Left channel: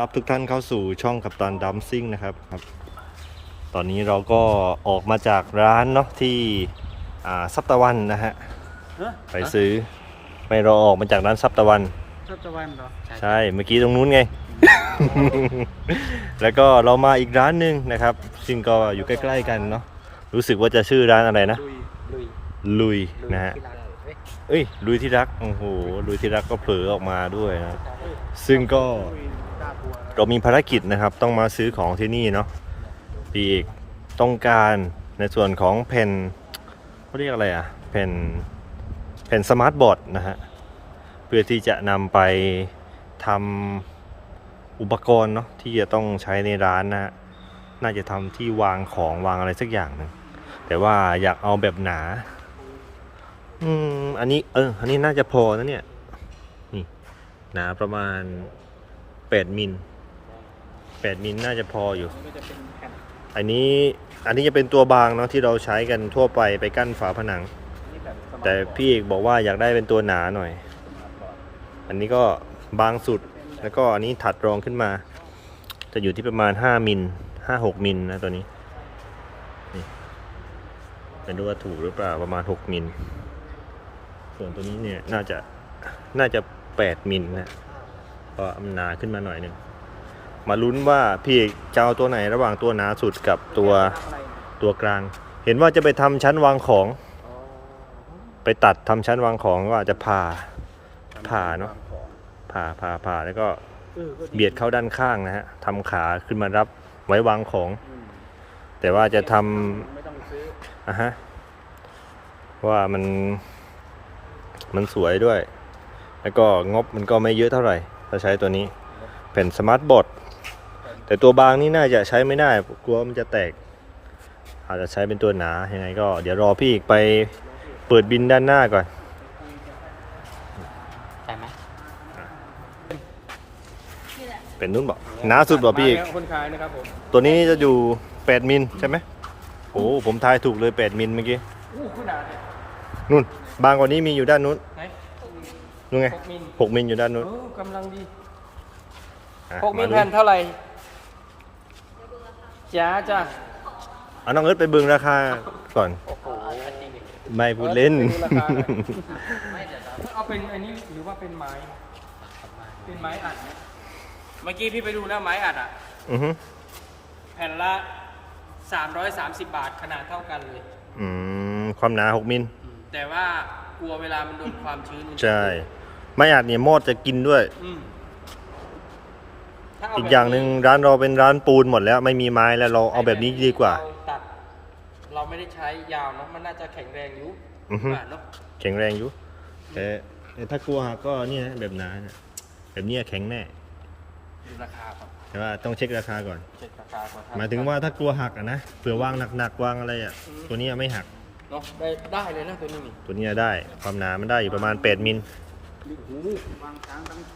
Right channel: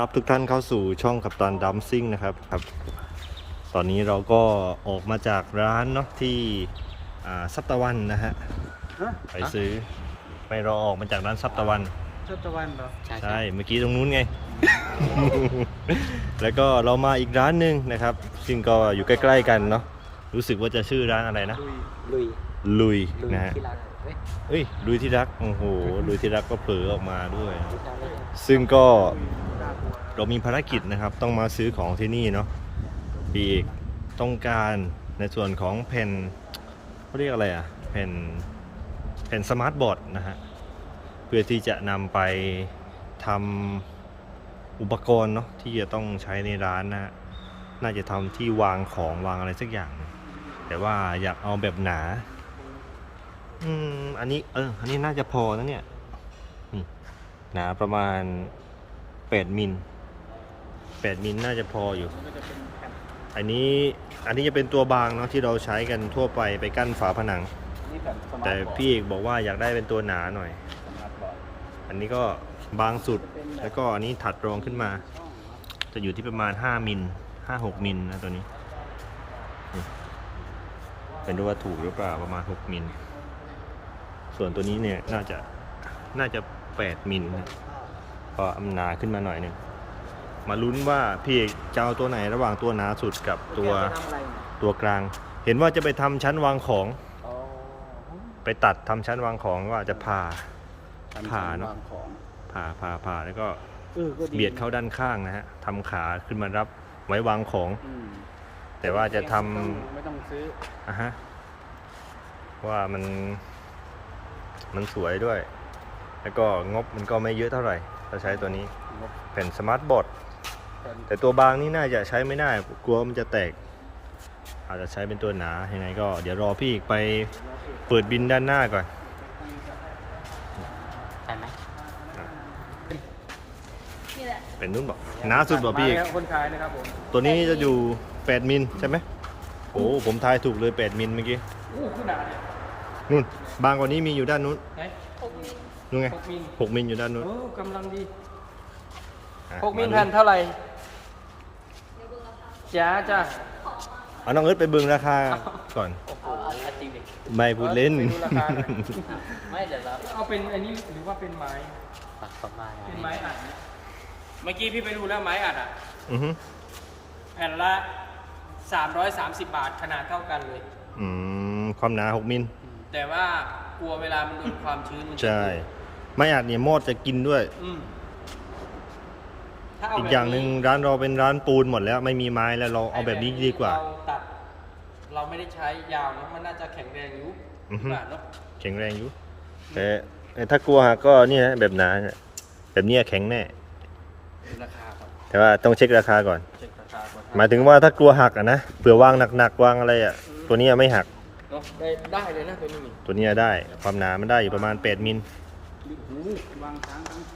ครับทุกท่านเข้าสู่ช่องกัปตันดัมซิ่งนะครับครับ ตอนนี้เราก็ออกมาจากร้านเนาะที่อ่าซับตะวันนะฮะไปซื้อไม่เราออกมาจากร้านซับตะวันชอบตะวันเหรอใช่เมื่อกี้ตรงนู้นไง แล้วก็เรามาอีกร้านหนึ่งนะครับ ซึ่งก็อยู่ใกล้ๆกันเนาะรู้สึกว่าจะชื่อร้านอะไรนะ ลุยลุยลุยนะฮะที่ร้านเว้ยเอ้ยลุยที่รักโอ้โหลุยที่รักก็เผลอออกมาด้วยนะซึ่งก็ เรามีภารกิจนะครับ ต้องมาซื้อของที่นี่เนาะปีเอกต้องการในส่วนของแผ่นเขาเรียกอะไรอะแผ่นแผ่นสมาร์ทบอร์ดนะฮะเพื่อที่จะนำไปทำอุปกรณ์เนาะที่จะต้องใช้ในร้านนะฮะน่าจะทำที่วางของวางอะไรสักอย่างนึงแต่ว่าอยากเอาแบบหนา อืม อันนี้เออ อันนี้น่าจะพอนะเนี่ยหนาประมาณแปดมิล แปดมิลน่าจะพออยู่ อันนี้อันนี้จะเป็นตัวบางเนาะที่เราใช้กันทั่วไปไปกั้นฝาผนัง แต่พี่เอกบอกว่าอยากได้เป็นตัวหนาหน่อย อันนี้ก็บางสุดแล้วก็อันนี้ถัดรองขึ้นมา จะอยู่ที่ประมาณ 5มิล5-6มิลนะตัวนี้นี่เป็นดูว่าถูกหรือเปล่าประมาณ 6มิลส่วนตัวนี้เนี่ยน่าจะน่าจะ 8มิลนะก็อำนาขึ้นมาหน่อยหนึ่ง มาลุ้นว่าพี่เอกจะเอาตัวไหนระหว่างตัวหนาสุดกับตัวตัวกลาง เห็นว่าจะไปทำชั้นวางของ ไปตัดทำชั้นวางของก็อาจจะผ่าผ่าเนาะผ่าผ่าผ่าแล้วก็เบียดเข้าด้านข้างนะฮะทำขาขึ้นมารับไว้วางของ แต่ว่าจะทำไม่ต้องซื้ออะฮะเพราะว่ามันมันสวยด้วย แล้วก็งบมันก็ไม่เยอะเท่าไหร่ถ้าใช้ตัวนี้เป็นสมาร์ทบอร์ด แต่ตัวบางนี่น่าจะใช้ไม่ได้กลัวมันจะแตก อาจจะใช้เป็นตัวหนายังไงก็เดี๋ยวรอพี่อีกไปเปิดบินด้านหน้าก่อนใช่ไหมเป็นนุ่นบอกหนาสุดบอกพี่อีกคนขายนะครับผมตัวนี้จะอยู่ 8 มิลใช่ไหมโอ้ผมทายถูกเลย 8 มิลเมื่อกี้อู้ขนาดเนี่ยนู่น บางกว่านี้มีอยู่ด้านนู้นไหนนู่นไงหกมิลหกมิลอยู่ด้านนู้นโอ้กำลังดีอะหกมิมาลดูแผ่นเท่าไหร่ จ้าจ้าเอาน้องเอิร์ธไปเบิ่งราคาก่อนจริงดิไม่พูดเล่นไม่เดี๋ยวเอาเป็นอันนี้หรือว่าเป็นไม้เป็นไม้อัดไหมเมื่อกี้พี่ไปดูแล้วไม้อัดอะ อือฮึแผ่นละ 330 บาทขนาดเท่ากันเลย อืมความหนา6มิลแต่ว่ากลัวเวลามันโดนความชื้นมันจะใช่ ไม่อาจเนี่ยมอดจะกินด้วย อืมถ้เอีกอย่างหนึ่งร้านเราเป็นร้านปูนหมดแล้วไม่มีไม้แล้วเราเอาแบบนี้ดีกว่า เรตัด เราไม่ได้ใช้ยาวเนาะมันน่าจะแข็งแรงอยู่อือฮึบาทเนาะแข็งแรงอยู่แต่แต่ถ้ากลัวหักก็เนี่ยนะแบบหนาเนี่ยแบบเนี้ยแข็งแน่ ดูราคาก่อนแต่ว่าต้องเช็คราคาก่อน เช็คราคาก่อนหมายถึงว่าถ้ากลัวหักอะนะเผื่อวางหนักๆวางอะไรอะตัวเนี้ยไม่หักเนาะได้ได้เลยนะตัวนี้นี่ตัวเนี้ยได้ ความหนามันได้อยู่ประมาณ8มิลวางทั้งทั้งทั้งทั้ง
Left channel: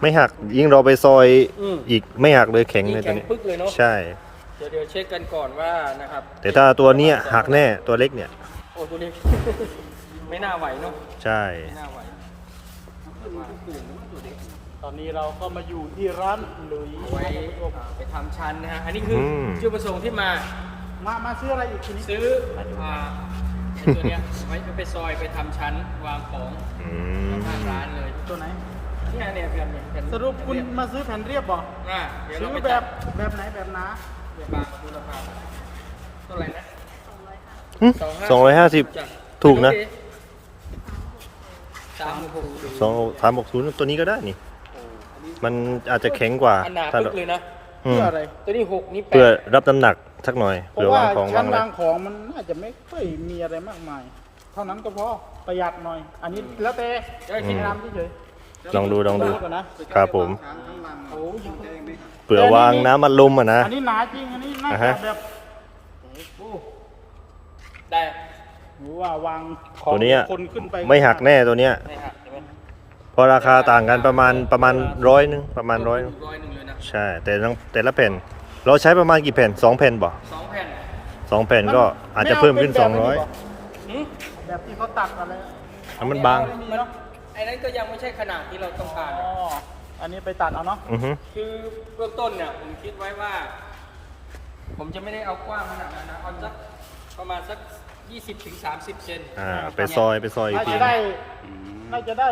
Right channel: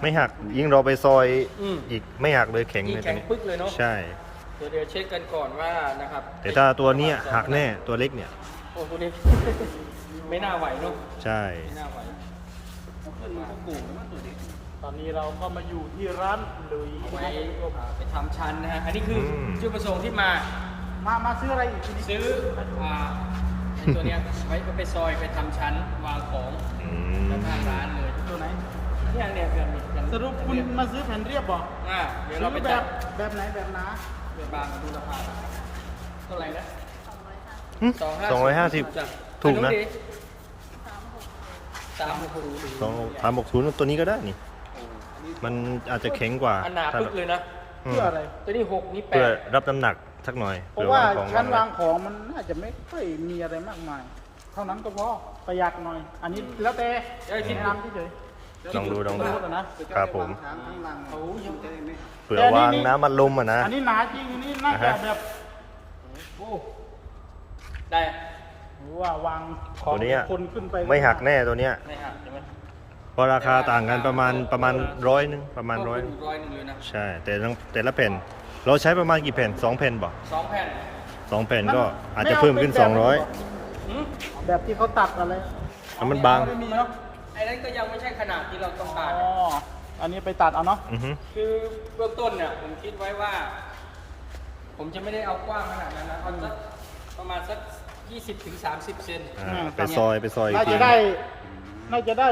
ไม่หักยิ่งเราไปซอยอืม อีกไม่หักเลยแข็งยิ่เลงยตัวแข็งนี้ ปึ๊กเลยเนาะใช่ เดี๋ยวเดี๋ยวเช็คกันก่อนว่านะครับแต่ถ้าตัวเนี้ยหักแน่ตัวเล็กเนี่ย โอ้ตัวนี้ไม่น่าไหวเนาะใช่ ไม่น่าไหวเอาขึ้นมาปลูกมาตัวเด็กตอนนี้เราก็มาอยู่ที่ร้านลุยเอาไว้อ่าไปทำชั้นนะฮะอันนี้คืออจุดประสงค์ที่มา มามาซื้ออะไรอีกทีนี้ซื้ออ่าไอ้ตัวเนี้ย ไว้ไปซอยไปทำชั้นวางของอืมข้างร้านเลยตัวไหน เนี่ยเนี่ยเพื่อนเนี่ยเพื่อนสรุปคุณเรียบมาซื้อแผ่นเรียบบ่อ่าเดี๋ยวเราไปซื้อแบจับดแบบไหนแบบหนาเดี๋ยวบางมาดูราคาเท่าไหร่นะ หึสองร้อยห้าสิบ จ้ะถูกนะ สามหกหกสองสามหกศูนย์ตัวนี้ก็ได้นี่ มันอาจจะแข็งกว่าอันหนาถ้าปึ๊กเลยนะ อืมเพื่ออะไรตัวนี้หกนี่แปเพื่อดรับน้ำหนักสักหน่อยเพเผื่อราะว่าวางของชั้วานงอะไรวางของมันน่าจะไม่ค่อยมีอะไรมากมายเท่านั้นก็พอประหยัดหน่อย อันนี้แล้วแต่ได้ที่ทำเฉย ลองดูลองดูก่อนนะครับผมทั้งทั้งลังโอ้ยใจไม่หักเผื่อวางน้ำมันลมอะนะ อันนี้หนาจริง อันนี้น่าอ่าจะฮะแบบโอ้ได้หรือว่าวางของตัวเนี้ยคนขึ้นไปไม่หักแน่ตัวเนี้ยได้หักใช่ไหมเพราะราคาต่างกันประมาณประมาณร้อยนึงประมาณร้อยร้อยหนึ่งเลยนะใช่แต่ทั้งแต่ละแผ่น เราใช้ประมาณกี่แผ่นสองแผ่นบ่สองแผ่นสองแผ่นก็อาจจะเพิ่มขึ้น200หืมแบบที่เขาตัดอะไรอันมันบางไม่มีเนาะไอ้นั่นก็ยังไม่ใช่ขนาดที่เราต้องการอ๋ออันนี้ไปตัดเอาเนาะอือฮึคือเบื้องต้นเนี่ยผมคิดไว้ว่า ผมจะไม่ได้เอากว้างขนาดนั้นนะเอาสักประมาณสัก 20ถึง30 เซนอ่าไปซอยไปซอยอีกน่าทีจะได้น่าจะได้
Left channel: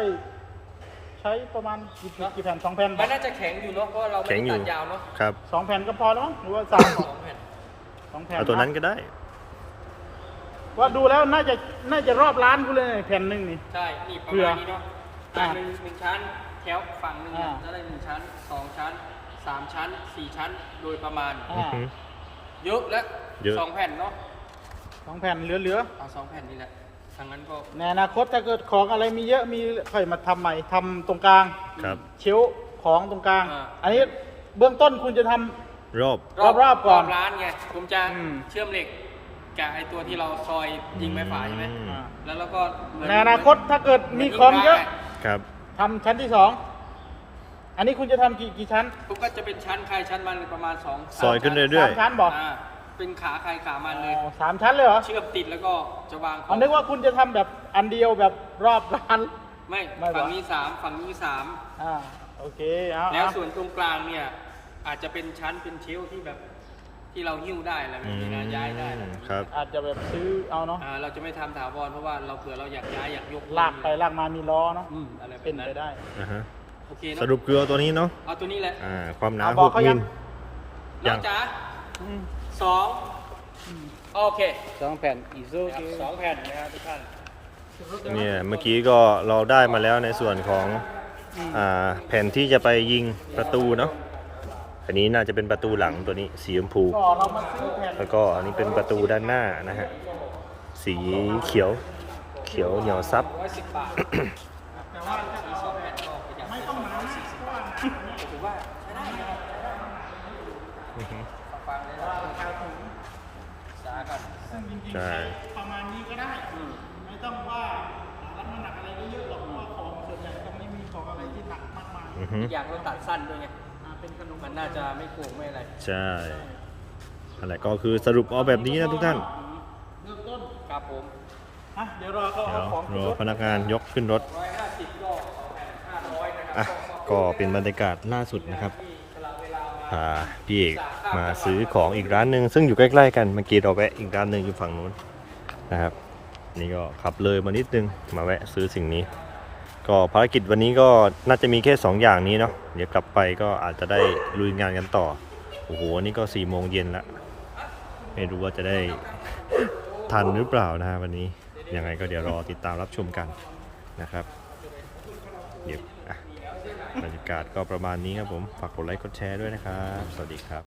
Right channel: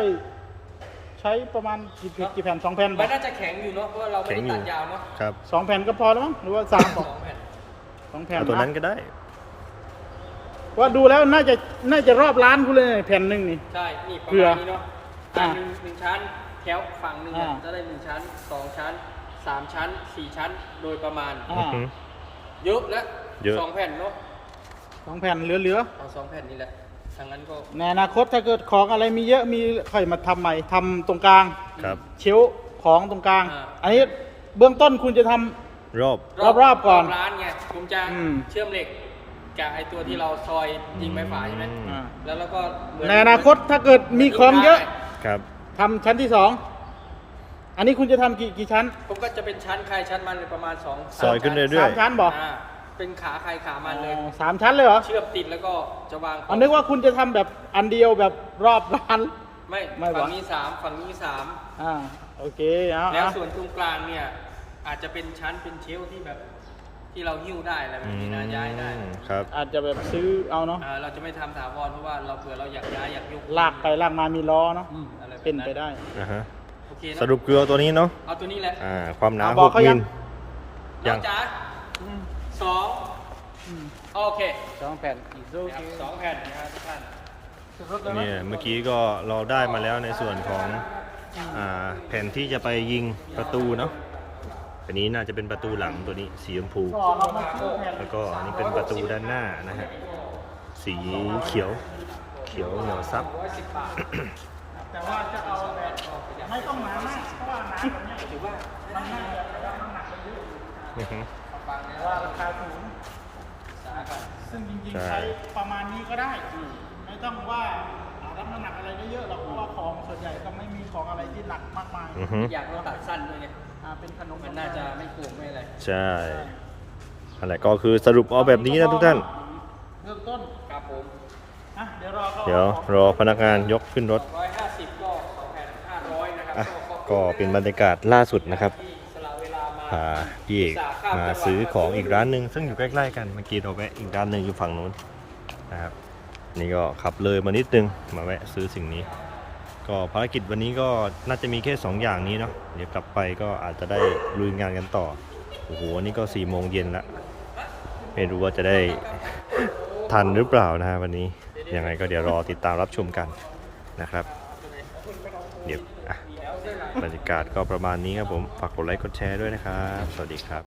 ใช้ประมาณกี่กี่แผ่นสองแผ่นมันน่าจะแข็งอยู่เนาะเพราะว่าเราไม่แข็งได้อยู่ตัดยาวเนาะครับสองแผ่นก็พอแล้วมั้งหรือว่าสามสองแผ่นสองแผ่นเอาตัวนั้นก็ได้ ว่าดูแล้วน่าจะน่าจะรอบร้านกูเลยแผ่นหนึ่งนี่ ใช่นี่ประเผื่มาอณนี้เนาะ อ่าหนึ่งหนึ่งชั้นแถวฝั่งหนึ่งอะอ่า จะได้หนึ่งชั้นสองชั้นสามชั้นสี่ชั้นโดยประมาณ อือฮึเยอะแล้วเยอะ สองแผ่นเนาะสองแผ่นเหลือเอาสองแผ่นนี่แหละทางนั้นก็ๆในอนาคตถ้าเกิดของอะไรมีเยอะมีค่อยมาทำใหม่ทำตรงกลางครับ เชลฟ์ของตรงกลางอ่าอันนี้เบื้องต้นคุณจะทำ รอบ รอบๆก่อนร้านไงผมจะอืม เชื่อมเหล็กกับไอตัวที่เราซอยยิงไม้ฝาใช่ไหมอืมแล้วเราก็เหมือนในอนาคตถ้าเกิดมีของเยอะค รับทำชั้นที่สองอันนี้คุณจะทำกี่กี่ชั้นผมก็จะเป็นชั้นใครชั้นมันเลยประมาณสองซอยขึ้นเรื่อยสามชั้นบอกอ่าเป็นขาใครขามันเลย สามชั้นเลยเหรอเชื่อมติดแล้วก็จะวางขออังนนึกว่าคุณจะทำแบบอันเดียวแบบรอบร้าน ไม่ไม่หรอ ฝั่งนี้สามฝั่งนี้สามอ่าโอเคเอาแล้วเอาส่วนตรงกลางเนี่ยอาจจะเป็นชั้นเป็นเชลฟ์ที่แบบ ที่เราหิ้วได้อะไรแบอืบนี้นะย้ายได้มครับ อาจจะแบบซื้อเอาเนาะอ่าเราจะไม่ทำถาวรเพราะว่าเราเผื่อเราอยากย้ายอยากยกลากไปลากมามีล้อเนาะอืมอะไรแบบเป็นนั้นไปได้นะฮะโอเคเนอะสรุปคือเอาตัวนี้เนาะเอาตัวนี้แหละอ่าความหนาบอกเขา6มิลน้ยัอง งจ๋าอืมสองอืมโอเคสองแผ่นอีซูสองแผ่นนะครับทุกท่านเนี่ยเมื่อกี้ก็เราได้มาแล้วในส่วนของอ่าแผ่นที่จะไปยิงประตูเนาะ อันนี้น่าจะเป็นประตูหลังตัวนี้สีชมพู แล้วก็อันนี้เป็นประตูด้านหน้านะฮะ สีเขียว เขียวเหนียวซับ แต่ว่าจะเอาแบบไม่ต้องหนามากเพราะว่าเนี่ยถือว่ามันน่าจะวัดน้ำหนักได้เยอะอยู่อือฮึเพราะว่าราคาสูงซึ่งจริงๆใช่ประมาณนี้ก็ได้ ไม่ต้องว่า รับน้ำหนักอะไรเยอะๆหรอกเพราะว่าของส่วนใหญ่มันไม่มีของอะไรที่หนักมากมายอือฮึอยากเราตัดสั้นด้วยไงอ่าเป็นขนมมันน่าจะไม่โกงไม่อะไรใช่อะไรก็คือสรุปเอาแบบนี้นะทุกท่าน เริ่มต้นครับผมอะเดี๋ยวรอเขาเดี๋ยวรอพนักงานยกขึ้นรถร้อยห้าสิบก็สองแผ่นห้าร้อยนะครับอะก็เป็นบรรยากาศล่าสุดนะครับพาพี่เอกมาซื้อของอีกร้านหนึ่งซึ่งอยู่ใกล้ ๆ กันเมื่อกี้เราแวะอีกร้านหนึ่งอยู่ฝั่งนู้นนะครับ นี่ก็ขับเลยมานิดนึงมาแวะซื้อสิ่งนี้ ก็ภารกิจวันนี้ก็น่าจะมีแค่ 2 อย่างนี้เนาะเดี๋ยวกลับไปก็อาจจะได้ลุยงานกันต่อโอ้โหนนี้ก็4ี่โมงเย็นละไม่รู้ว่าจะได้ทันหรือเปล่านะฮะวันนี้ยังไงก็เดี๋ยวรอติดตามรับชมกันนะครับเดี๋ยวบรรยากาศก็ประมาณนี้ครับผม ฝากกดไลค์กดแชร์ด้วยนะครับ สวัสดีครับ